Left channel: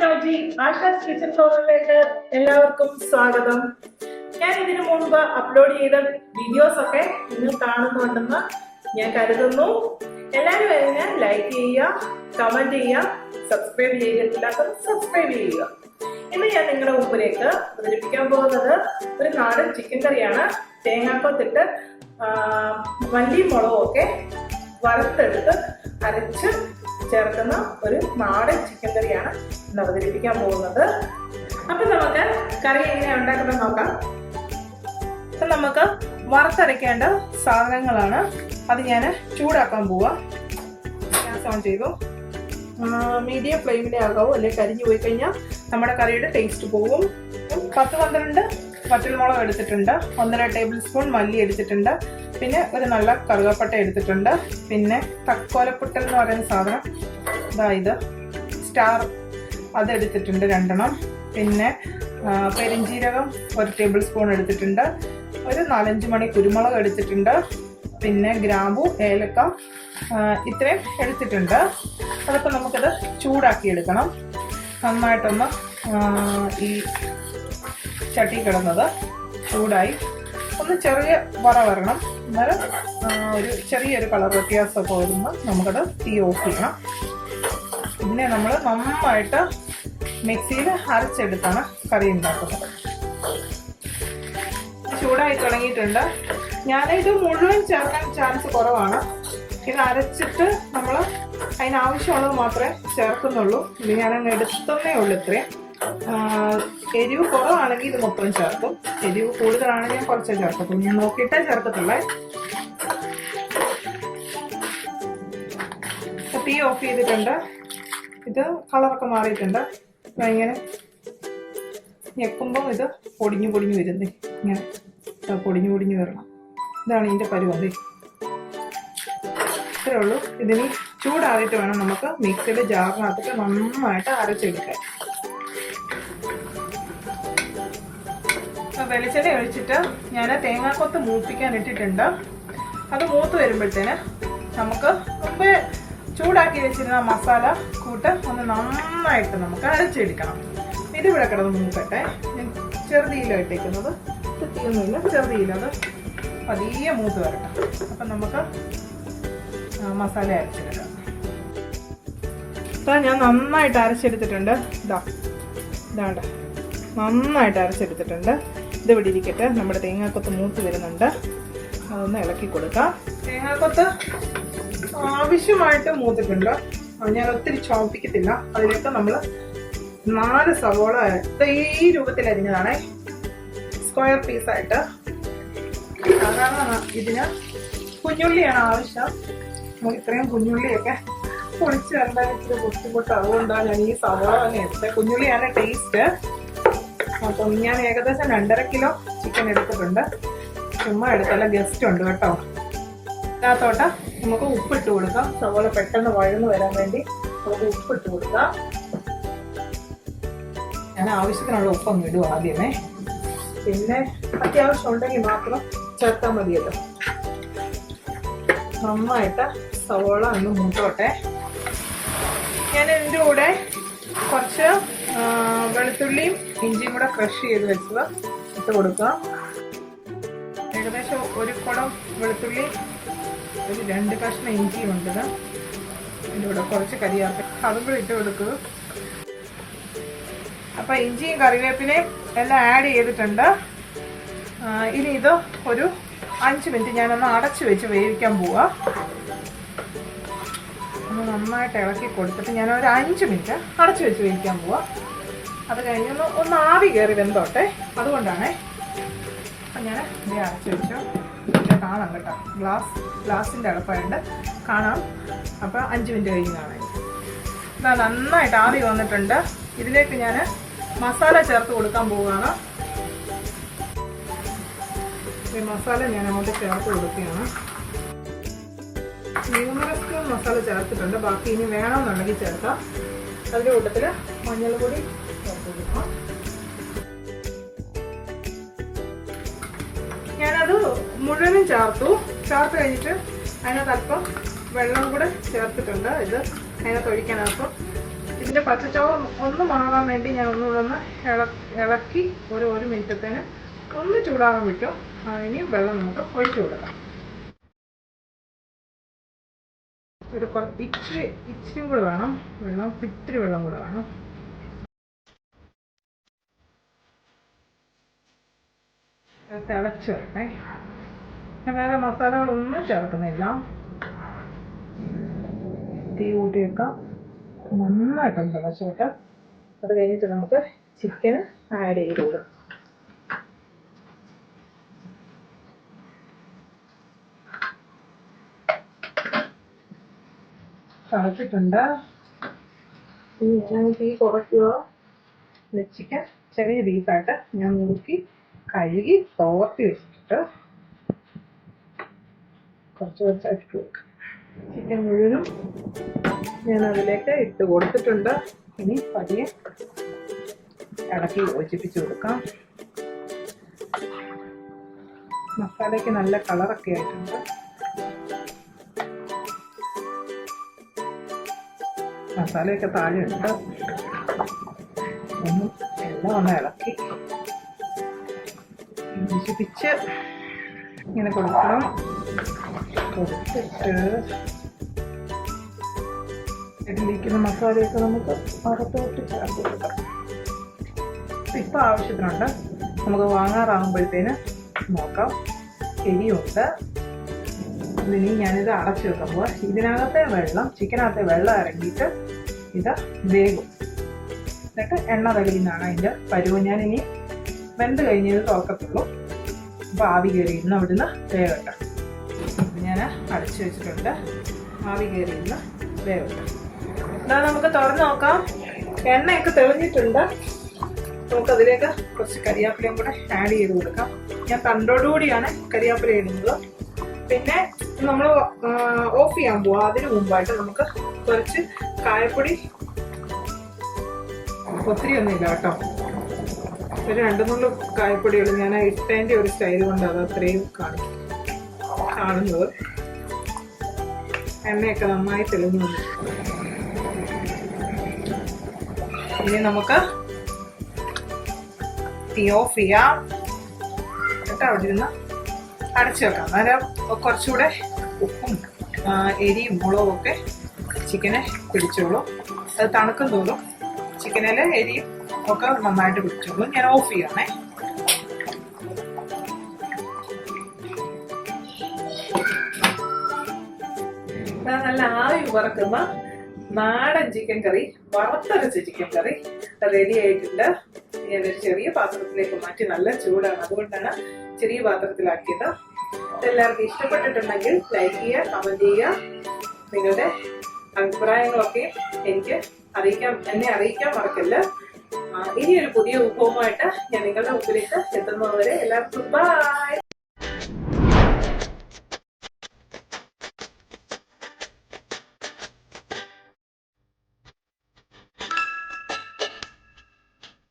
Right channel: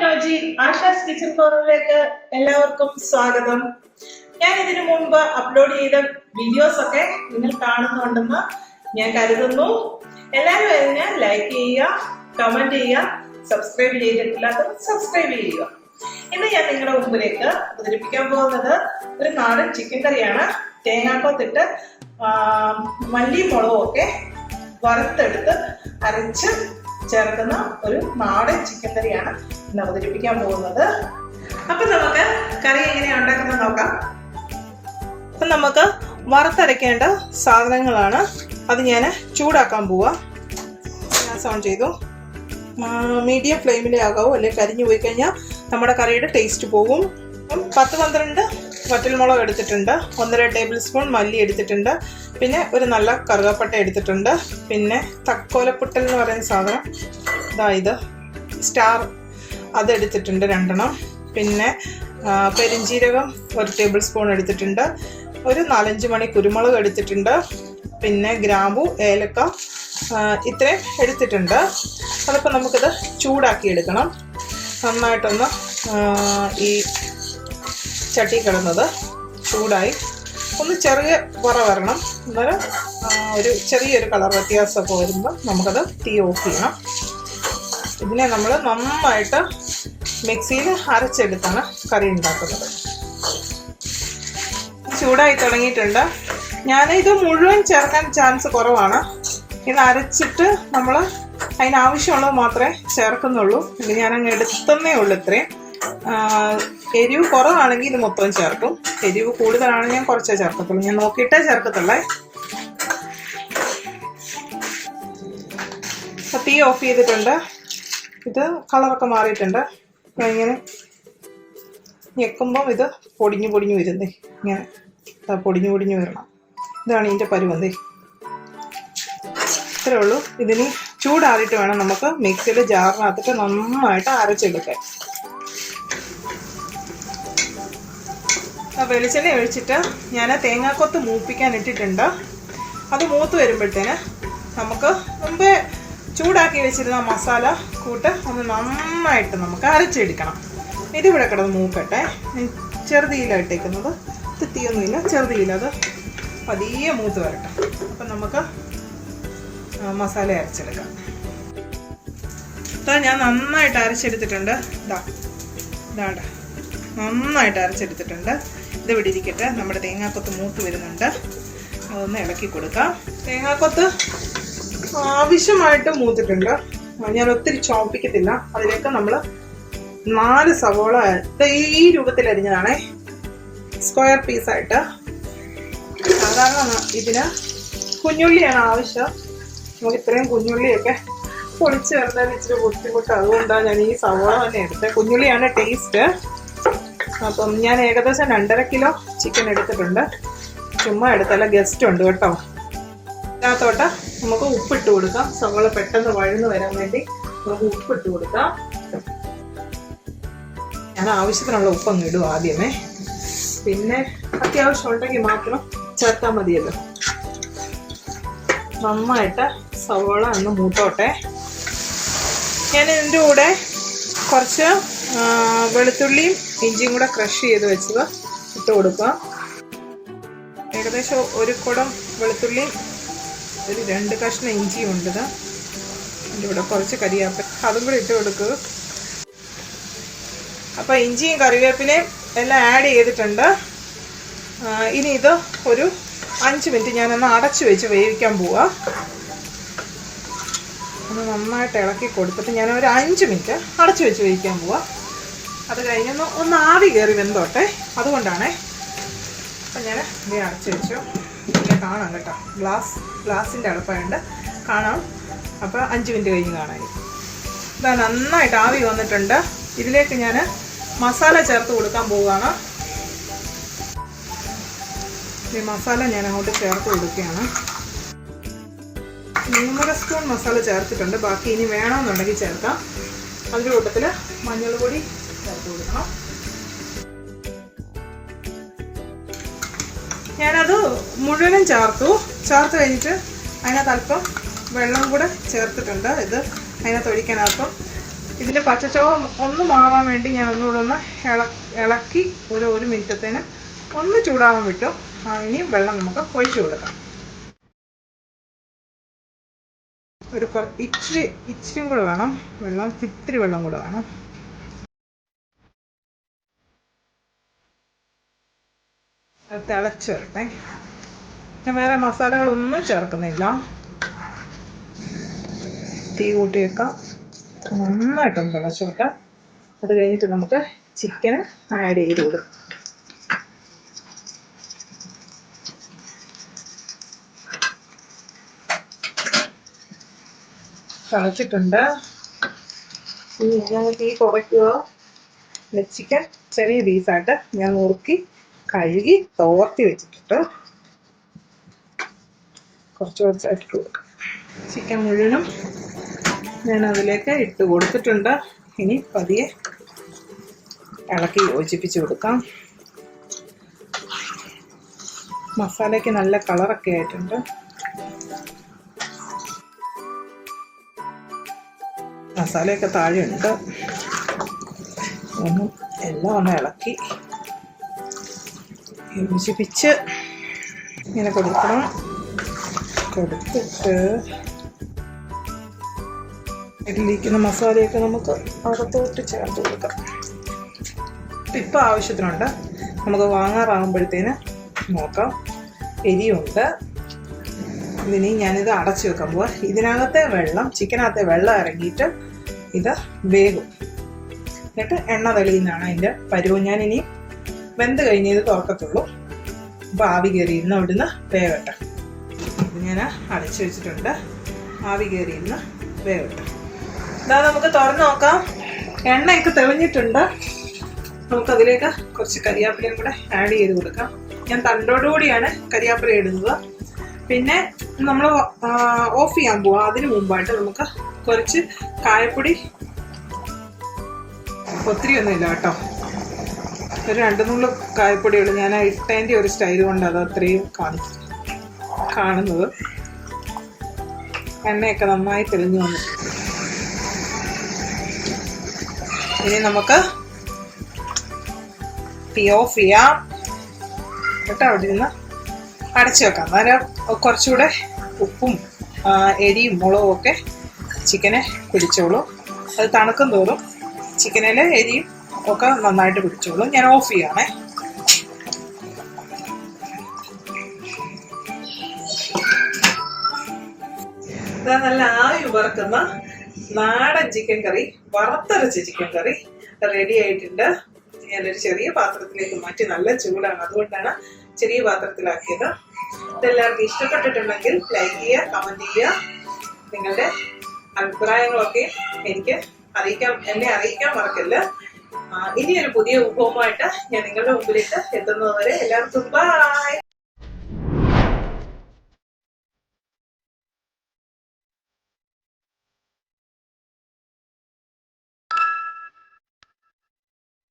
Vinoji Asha's kitchen കോർണറിലേക്ക് എല്ലാവർക്കും സ്വാഗതം. ഞാൻ ഇതിനു മുമ്പ് അപ്ലോഡ് ചെയ്ത വീഡിയോസ് ഒക്കെ നിങ്ങൾ കാണുന്നുണ്ടെന്ന് ഞാൻ കരുതുന്നു. എല്ലാവരും അതിനെ ലൈക്ക് ചെയ്യുക, കമന്റ് ചെയ്യുക, സബ്സ്ക്രൈബ് ചെയ്തിട്ടില്ലാത്തവർ സബ്സ്ക്രൈബ് ചെയ്യുക. ഇന്ന് ഞാൻ നിങ്ങളുടെ മുമ്പിലേക്ക് അവതരിപ്പിക്കാൻ പോകുന്നത് ഒരു നാടൻ ചിക്കൻ കറിയാണ്. തേങ്ങാക്കൊത്തിട്ട് മല്ലിയും മുളകും ഒക്കെ വറുത്തെടുത്ത് അരച്ച് ചേർക്കുന്ന ഒരു നാടൻ ചിക്കൻ കറിയാണ് ഇന്ന് അവതരിപ്പിക്കാൻ പോകുന്നത്. അപ്പൊ നമുക്ക് കറി എങ്ങനെയാണ് ഉണ്ടാക്കുന്നത് നോക്കാം. അപ്പൊ നമുക്ക് വറുത്തരയ്ക്കേണ്ട സാധനങ്ങളാണ്. അത് ഞാൻ ചൂടാക്കാൻ പോവാ. ഗ്യാസ് ഓൺ ചെയ്തു. മീഡിയം ഫ്ലെയിമിലേ ആകാവൂ, അല്ലെങ്കിൽ കരിഞ്ഞു പോയി കഴിഞ്ഞാൽ നമ്മുടെ കറിയുടെ ടേസ്റ്റ് പോകും. 10-12 വറ്റൽമുളക് എടുത്തിട്ടുണ്ട്, 1.5 ടേബിൾ സ്പൂൺ മല്ലി എടുത്തിട്ടുണ്ട്, പിന്നെ ഒരു നല്ല കറുകപ്പട്ട എടുത്തിട്ടുണ്ട്, പിന്നെ തക്കോലപ്പുട്ടൽ എന്ന് പറയുന്ന സാധനം ഇത് സ്റ്റാർ അതെടുത്തിട്ടുണ്ട് 2 എണ്ണം, പിന്നെ പെരിഞ്ജീരകം 1 ടേബിൾ സ്പൂൺ എടുത്തിട്ടുണ്ട്, ഒരു 4-5 മണി കുരുമുളക് എടുത്തിട്ടുണ്ട്, പിന്നെ ഗ്രാമ്പു, ഏലക്ക ഇത്രയും എടുത്തിട്ടുണ്ട്. അതിപ്പോൾ നമുക്കിത് ചൂടാക്കി എടുക്കണം. നന്നായിട്ടൊന്ന് ഈ ചട്ടി കിടന്നത് ചൂടായി ഒന്ന് ചെറിയ വരണം. അന്നേരം ഒരു ചെറിയൊരു കളർ വ്യത്യാസമൊക്കെ വരുമ്പോൾ നമുക്കത് തീ ഓഫ് ചെയ്യണം. ഇതിനെ നമ്മൾ നന്നായിട്ട് മിക്സിയിൽ അരച്ചെടുത്താണ് കറി ഉണ്ടാക്കുന്നത്. ചൂടായി തുടങ്ങിയിട്ടുണ്ട്. ഞാനിത് മുഴുവൻ ചേർക്കാൻ ചാൻസ് കുറവാണ്. ഇത് അരച്ചിട്ട് നമ്മൾ അതിനാവശ്യമുള്ളത് മാത്രമേ ചേർക്കുന്നുള്ളൂ. ഇത് ഞാനങ്ങ് എടുത്തന്നേ ഉള്ളൂ. ഇത്രയും എരിവ് കുറവാണെങ്കിൽ ഇത് മൊത്തം ചേർക്കും, എരിവ് കൂടുതലാണെങ്കിൽ ഞാൻ കുറച്ചേ ചേർക്കത്തുള്ളൂ. ഞാൻ നോക്കിയിട്ടേ ചേർക്കത്തുള്ളേ. അപ്പോൾ തീ ഓഫ് ചെയ്തിട്ടുണ്ട്. ഇത് കളറൊക്കെ മാറിയിട്ടുണ്ട്. ഇങ്ങനെ ഞെക്കുമ്പം ഇത് പൊടിഞ്ഞു വരുന്നേ, ഇങ്ങനെ പൊടിഞ്ഞു വരണം. ഇതാണ് ഇതിൻ്റെ പരുവന്തേ. ഇത്രേ ഉള്ളൂ. ഇതിന് ചൂടാറിയിട്ട് വേണം നമുക്ക് മിക്സിയിൽ ജാറിനകത്തിട്ട് നന്നായിട്ട് അരച്ചെടുക്കാൻ. വെളിച്ചെണ്ണ ഒഴിച്ചിട്ട് ഞാൻ തേങ്ങാക്കൊത്ത് മൂപ്പിക്കാൻ ഇട്ടിട്ടുണ്ട്. അത് മൂത്ത് വരുമ്പോഴത്തേന് നമുക്ക് മുമ്പേ ചൂടാക്കി വെച്ചിരുന്ന മസാല കൂട്ട് ഒന്ന് നന്നായിട്ട് നമുക്ക് അരച്ചെടുക്കണം. ഇതിവിടെ കിടന്ന് മൂക്കട്ടെ. ചെറുതീയിലാണ് ഇട്ടേക്കുന്നത്, തീയൊന്നുമില്ല, ചെറുതീയിലത് പതിയെ മൂത്ത് വരട്ടെ. അപ്പം നമുക്ക് മസാല അരച്ചെടുക്കാം. അപ്പോൾ ഞാൻ നന്നായിട്ട് അരച്ചെടുത്തിട്ടുണ്ട്. ഇതാണ്ട് നന്നായിട്ട് അരച്ചെടുത്തിട്ടുണ്ട്. ഇതിവിടെ ഇരിക്കട്ടെ. നമ്മുടെ തേങ്ങാക്കൊത്ത് മൂത്ത് വരുന്നുണ്ട്. അതൊന്ന് ഇളക്കി കൊടുക്കാം. തേങ്ങാക്കൊത്ത് ആവശ്യമായിട്ട് മൂത്തിട്ടുണ്ട്. ഞാൻ ഒത്തിരി ചോപ്പിക്കത്തില്ല. അതിലേക്ക് നമ്മൾ 4 സവോള ഈ രൂപത്തിൽ അരിഞ്ഞതാണേ, സ്ക്വയർ പീസായിട്ട്. സാധാരണ ഇതിന് കുഞ്ഞുള്ളിയാണ് ആവശ്യം. നമുക്ക് ഇത്രയും കുഞ്ഞുള്ളിയൊക്കെ പൊളിച്ച് ചേർത്താൽ ഇച്ചിരി ബുദ്ധിമുട്ട്. അതുകൊണ്ടാണ് ഞാൻ ഈ സവോള തന്നെ എടുത്തത്. കുഞ്ഞുള്ളിയാണ് ടേസ്റ്റ്. അപ്പം ഞാൻ ഏകദേശം 2.5 കിലോ ചിക്കൻ എടുത്തിട്ടുണ്ട്. ചുമ്മാ എടുത്തല്ല, ഗസ്റ്റ് ഉണ്ട് കേട്ടോ. അതിനകത്തോട്ട് നമുക്ക് ഉപ്പിട്ട് കൊടുക്കാം. സവോള പെട്ടെന്ന് വഴന്ന് വരാൻ വേണ്ടി നമുക്ക് ഉപ്പിട്ട് കൊടുക്കാം. ഞാൻ ആവശ്യത്തിനുള്ള ഉപ്പങ്ങ് ഇടും ആദ്യമേ, പിന്നെ അത്യാവശ്യം ഉണ്ടെങ്കിൽ മാത്രം ചേർത്താൽ മതിയല്ലോ. നന്നായിട്ട് സവോള ഒന്ന് മൂത്തോട്ടെ. ഞാൻ ഇതിൻ്റെ കൂടെ കുറച്ച് വെളുത്തുള്ളിയും ഇഞ്ചിയും കൂടെ ക്രഷ് ചെയ്ത് വെച്ചത് ഇട്ട് കൊടുക്കുക. ഏകദേശം 1 കുടം വെളുത്തുള്ളിയും ഒരു 2 കഷ്ണം ഇഞ്ചിയും ഉണ്ട്. അതിൻ്റെ കൂടെ കുറച്ച് കരിയാപ്പില അതും കൂടെ ഇട്ട് കൊടുക്കുക. അപ്പോൾ ഇഞ്ചിയും കറിവേപ്പിലയും എല്ലാം ആഡ് ചെയ്തിട്ടുണ്ട്. ഇനി ഇത് ഒരു 5 മിനിറ്റ് ഞാനൊന്ന് അടച്ചു വെച്ച് വേവിക്കാൻ പോവാ. ഒന്ന് നന്നായിട്ട് ഇളക്കി കൊടുത്തിട്ട് ഞാൻ ഒരു 5 മിനിറ്റ് അടച്ചു വെച്ച് വേവിക്കാൻ പോവാ. അത് കഴിഞ്ഞൊന്ന് ആവി കയറി വെന്തോട്ടെ, അതുകൊണ്ടാണേ. അപ്പം ഞാൻ ഇത് അടച്ചു വെച്ചു. കാണാം കേട്ടോ, ഗ്ലാസിൻ്റെ അടപ്പായുണ്ട്, കാണാം. അപ്പോൾ 5 മിനിറ്റ് കഴിഞ്ഞ് കാണാൻ. ഇതാ നന്നായിട്ട് ആവി വന്നിട്ടുണ്ട്. ഇതിലേക്ക് ഞാൻ മസാല ചേർത്ത് കൊടുക്കാൻ പോവുകയാണ്. ഈ മസാല ഞാൻ അങ്ങോട്ട് ചേർത്ത് കൊടുക്കുകയാണ്. 3 സ്പൂൺ മസാല ചേർത്തിട്ടുണ്ട്. ബാക്കി ഇനി വേണമെന്നുണ്ടെങ്കിൽ ചേർക്കാം. അതിൻ്റെ കൂട്ടത്തിൽ മഞ്ഞൾപ്പൊടി ചേർത്ത് കൊടുക്കണം. ഞാനത് മുഴുവനും ചേർത്ത് കഴിഞ്ഞിട്ട് അതിനകത്ത് അല്പം വെള്ളം കൂടെ ചേർത്തിട്ടുണ്ട്. ഇത് അതിനകത്ത് ഒഴിക്കാനപ്പം ഇതിൻ്റെ പച്ചച്ചോവ ഒന്ന് മാറാൻ വേണ്ടി ഞാൻ ഒന്നുകൂടെ ഒന്ന് ഇളക്കി ഒരു മിനിറ്റത്തേന് ഒന്ന് ചൂടാകാൻ വിട്ടു. ഇനി വെള്ളം നമുക്ക് ഒഴിച്ചു കൊടുക്കാം. ഇച്ചിരി കൂടെ വേണം വെള്ളം, ഇത്തിരി വെള്ളം കൂടെ വേണം. തിളച്ച് വരട്ടെ. ഞാൻ വേറെ മസാലകളൊന്നും ചേർക്കുന്നില്ല. തീ കൂട്ടി വെക്കാം. നന്നായിട്ടൊന്ന് തിളച്ച് വെക്കാം. അത് കഴിഞ്ഞിട്ട് നമുക്ക് ചിക്കൻ ആഡ് ചെയ്ത് കൊടുക്കാം. തിളച്ചിട്ടുണ്ട്. ഞാൻ തീ കുറയ്ക്കുക. ചിക്കൻ ചെറിയ പീസായിട്ട് ഞാൻ നുറുക്കി കഴുകി തോർത്തി വെച്ചിട്ട് കുറച്ചായിട്ട് കൊടുക്കാം. ചിക്കൻ മുഴുവനും ഞാൻ അതിലേക്ക് ഇട്ട് കൊടുത്തിട്ടുണ്ട്. ഇനി പതിയെ ഇളക്കി യോജിപ്പിച്ച് കൊടുക്കാം. മസാലയ്ക്ക് നല്ല കളറൊക്കെ ആയിട്ടുണ്ട്. മസാലയൊക്കെ താഴെയുണ്ട്. എല്ലാം ഒന്ന് ഇളക്കി യോജിപ്പിച്ച് ഇങ്ങനെ കൊടുക്കണം. കൊടുത്തിട്ട് ഇതിലിരിക്കുന്ന മസാലയൊക്കെ നമുക്ക് അകത്തോട്ട് ചേർത്ത് കൊടുക്കാം. ഇപ്പം ആവശ്യത്തിനുണ്ട്. നമുക്ക് വാങ്ങാറാകുമ്പോഴത്തേന് നോക്കാം. എരിയുണ്ട്. ഇതിനി ഞാനിത് അടച്ചു വെക്കാൻ പോവാ. ഇതിനകത്തെ വെള്ളം, ചിക്കനകത്തെ വെള്ളം ഇറങ്ങിയിട്ട് ഇത് വേകും. എന്നിട്ട് എണ്ണ തെളിയുന്നതാണ് അതിൻ്റെ പരുവം. ഞാനിനി വെന്ത് കഴിഞ്ഞ് ഇത് തുറക്കത്തുള്ളൂ. അപ്പോൾ ആവി കയറിയിരുന്ന് അവിടുന്ന് വേവട്ടെ. ഞാൻ അടച്ചു വെച്ചിട്ടുണ്ട്. ആവി കയറിയിരുന്ന് വേവട്ടെ. ഇതാ നമുക്ക് തുറന്ന് നോക്കാം. എണ്ണയൊക്കെ തെളിഞ്ഞിട്ടുണ്ട്. നമുക്കതിലേക്ക് കുറച്ച് കരിയാപ്പിലയും കൂടെ ആഡ് ചെയ്ത് കൊടുക്കാം. ഞാൻ തണ്ടോടുകൂടിയാണ് കരിയാപ്പില ഇടുന്നത്. പിന്നെ നമ്മൾ ഓഫ് ചെയ്യാൻ പോവാം. അതിന് മുമ്പായിട്ട് നമുക്ക് കുറച്ച് കായപ്പൊടി, ഒത്തിരി ഒന്നുമില്ല കേട്ടോ, ഒരു 2-3 കായപ്പൊടിയുള്ളൂ. ഞാൻ ഇട്ടതിൻ്റെ ഒരു സ്റ്റൈൽ കൊണ്ട് അത് അത്രയും കാണുന്നത്. എണ്ണയൊക്കെ നന്നായി തെളിഞ്ഞു വന്നു. ഇനി നമുക്ക് തീ ഓഫ് ചെയ്യാം. കേട്ടോ, അവിടെ നിന്ന് അടച്ചു വെക്കാം. അന്നേരം കുറച്ചുകൂടെ ഉപ്പും എരിയും മുളകും ഒക്കെ ചിക്കനെ പിടിച്ചോളും. അത് തണുക്കും തോറും ചിക്കനിൽ എരിയും ഒക്കെ നന്നായിട്ട് പിടിച്ചോളും. ഞാൻ ഓഫ് ചെയ്യണേ. നല്ല ആവി വറക്കുന്ന നാടൻ ചിക്കൻ കറി, വറുത്തരച്ച ചിക്കൻ കറി റെഡി ആയിട്ടുണ്ട്. ഞാനൊരു ചെറിയ പാത്രത്തിലേക്ക് മാറ്റി. നല്ല ചൂടാണ്, അതുകൊണ്ടാണ് ചെറിയ പാത്രത്തിലാക്കിയത്. ഇതെല്ലാവർക്കും ഇഷ്ടപ്പെട്ടിട്ടുണ്ടെങ്കിൽ ലൈക്ക് ചെയ്യുക, കമന്റ് ചെയ്യുക. നിങ്ങളുടെ അഭിപ്രായങ്ങളൊക്കെ എന്നെ അറിയിക്കാൻ മറക്കല്ല. ഇനിയൊരു പുതിയ വിഭവമായിട്ട് ഞാൻ നിങ്ങളുടെ മുമ്പിലേക്ക് എത്തുന്നതുവരെ എല്ലാവർക്കും ബൈ.